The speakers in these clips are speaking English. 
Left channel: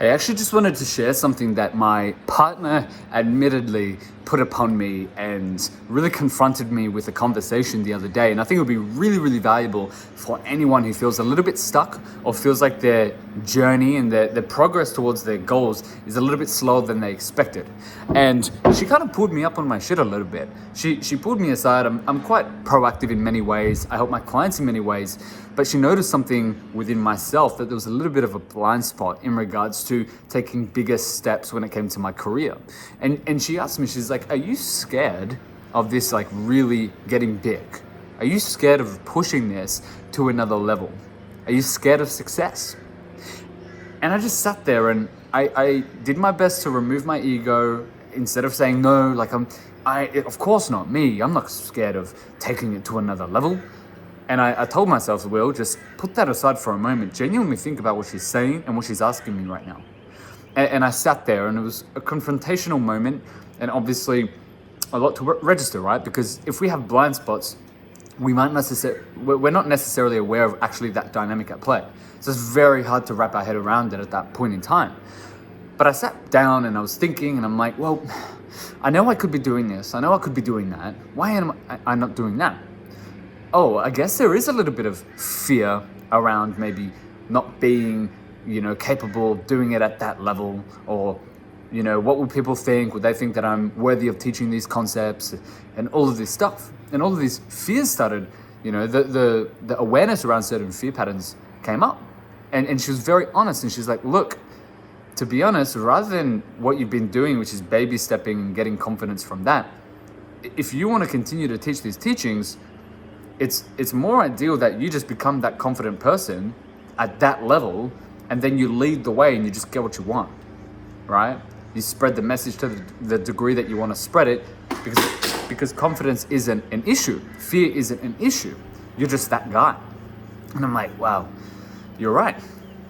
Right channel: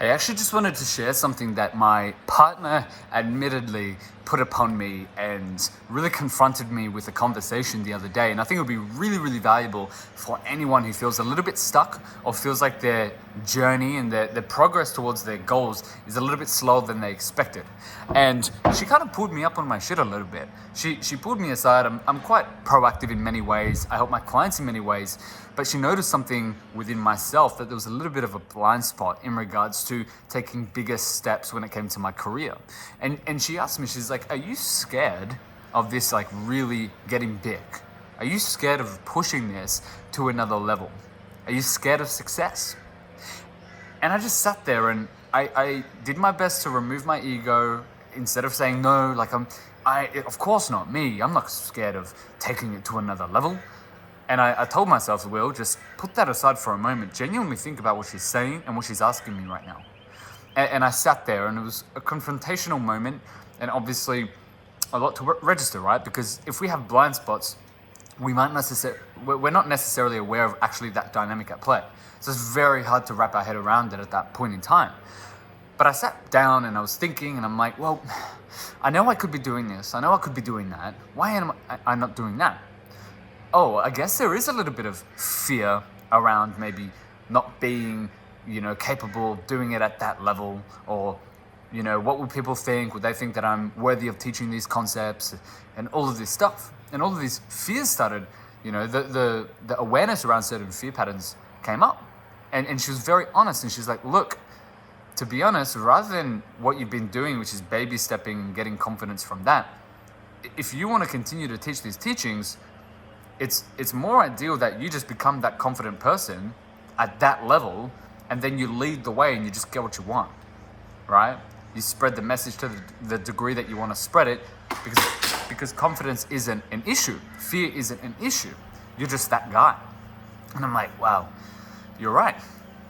I actually just wanted to share something that my partner admittedly put upon me and really confronted me with a conversation the other day. And I think it would be really, really valuable for anyone who feels a little bit stuck or feels like their journey and their progress towards their goals is a little bit slower than they expected. And she kind of pulled me up on my shit a little bit. She pulled me aside. I'm quite proactive in many ways. I help my clients in many ways. But she noticed something within myself, that there was a little bit of a blind spot in regards to taking bigger steps when it came to my career. And she asked me, she's like, are you scared of this like really getting big? Are you scared of pushing this to another level? Are you scared of success? And I just sat there and I did my best to remove my ego. Instead of saying no, like of course not me. I'm not scared of taking it to another level. And I told myself, Will, just put that aside for a moment. Genuinely think about what she's saying and what she's asking me right now. And I sat there, and it was a confrontational moment, and obviously a lot to register, right? Because if we have blind spots, we're not necessarily aware of actually that dynamic at play. So it's very hard to wrap our head around it at that point in time. But I sat down and I was thinking, and I'm like, well, I know I could be doing this. I know I could be doing that. Why am I not doing that? Oh, I guess there is a little bit of fear around maybe not being, capable of doing it at that level, or, what would people think? Would they think that I'm worthy of teaching these concepts and all of this stuff? And all of these fears started, the awareness around certain fear patterns came up. And she was very honest, and she's like, look, to be honest, rather than what you've been doing, which is baby stepping and getting confidence from that, if you want to continue to teach these teachings, it's more ideal that you just become that confident person at that level, and then you lead the way and you just get what you want, right? You spread the message to the degree that you want to spread it, because confidence isn't an issue. Fear isn't an issue. You're just that guy. And I'm like, wow, you're right.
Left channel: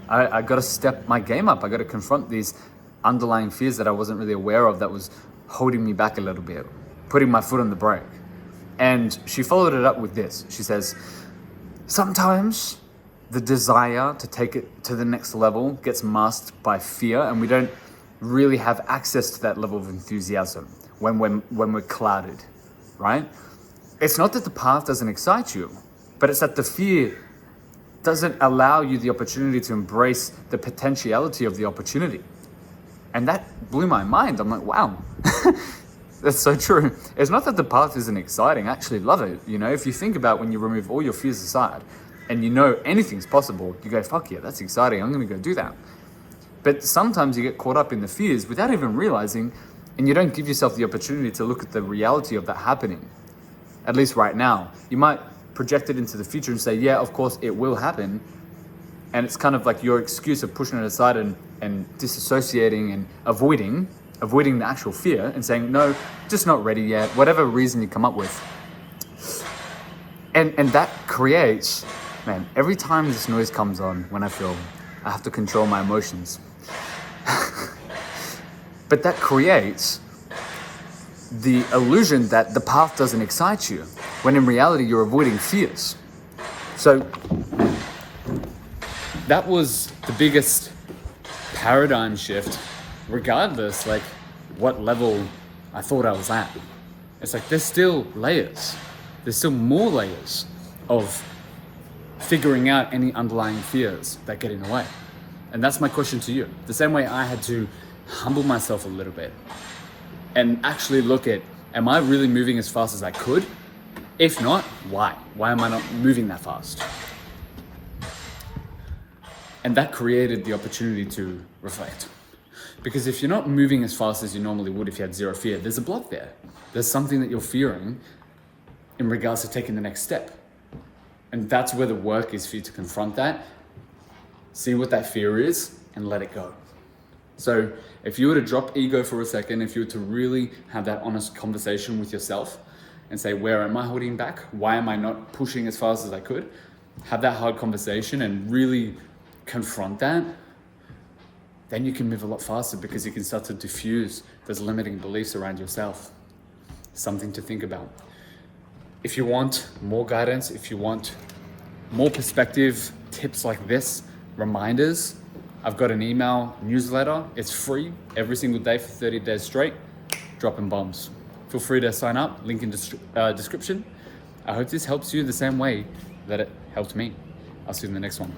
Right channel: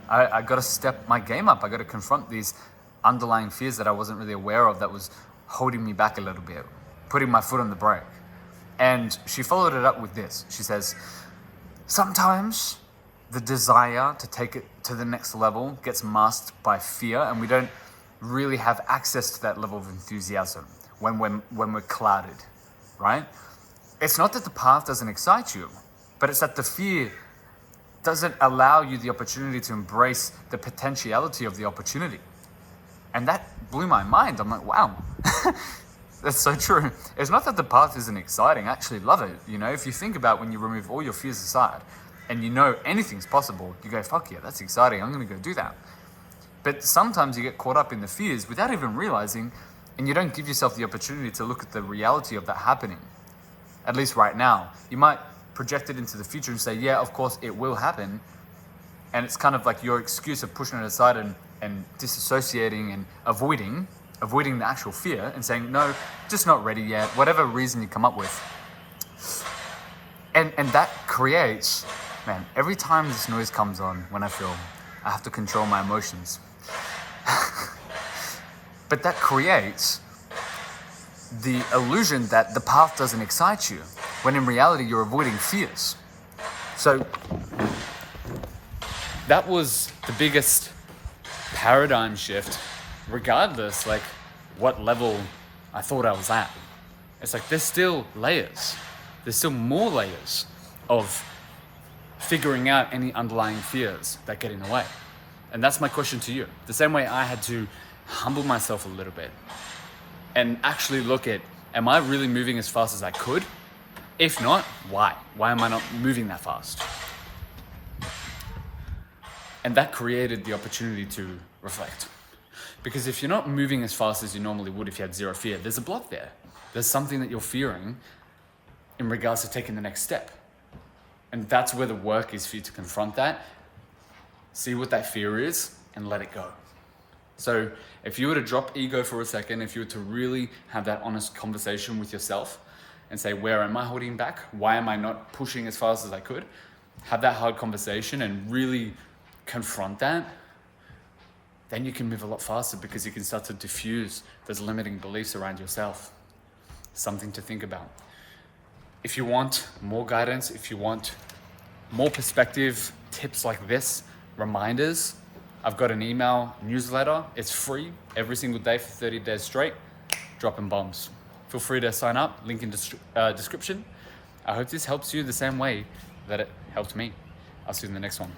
I got to step my game up. I got to confront these underlying fears that I wasn't really aware of, that was holding me back a little bit, putting my foot on the brake. And she followed it up with this. She says, sometimes the desire to take it to the next level gets masked by fear, and we don't really have access to that level of enthusiasm when we're clouded, right? It's not that the path doesn't excite you, but it's that the fear doesn't allow you the opportunity to embrace the potentiality of the opportunity. And that blew my mind. I'm like, wow. That's so true. It's not that the path isn't exciting. I actually love it. If you think about when you remove all your fears aside and anything's possible, you go, fuck yeah, that's exciting. I'm going to go do that. But sometimes you get caught up in the fears without even realizing, and you don't give yourself the opportunity to look at the reality of that happening. At least right now. You might project it into the future and say, yeah, of course it will happen. And it's kind of like your excuse of pushing it aside and disassociating and avoiding the actual fear and saying, no, just not ready yet, whatever reason you come up with. And that creates, man, every time this noise comes on, when I feel I have to control my emotions. But that creates the illusion that the path doesn't excite you, when in reality you're avoiding fears. So that was the biggest paradigm shift, regardless like what level I thought I was at. It's like there's still layers. There's still more layers of figuring out any underlying fears that get in the way. And that's my question to you. The same way I had to humble myself a little bit and actually look at, am I really moving as fast as I could? If not, why? Why am I not moving that fast? And that created the opportunity to reflect. Because if you're not moving as fast as you normally would if you had zero fear, there's a block there. There's something that you're fearing in regards to taking the next step. And that's where the work is for you to confront that, see what that fear is, and let it go. So if you were to drop ego for a second, if you were to really have that honest conversation with yourself and say, where am I holding back? Why am I not pushing as fast as I could? Have that hard conversation and really confront that. Then you can move a lot faster, because you can start to diffuse those limiting beliefs around yourself. Something to think about. If you want more guidance, if you want more perspective, tips like this, reminders, I've got an email newsletter. It's free every single day for 30 days straight, dropping bombs. Feel free to sign up, link in description. I hope this helps you the same way that it helped me. I'll see you in the next one.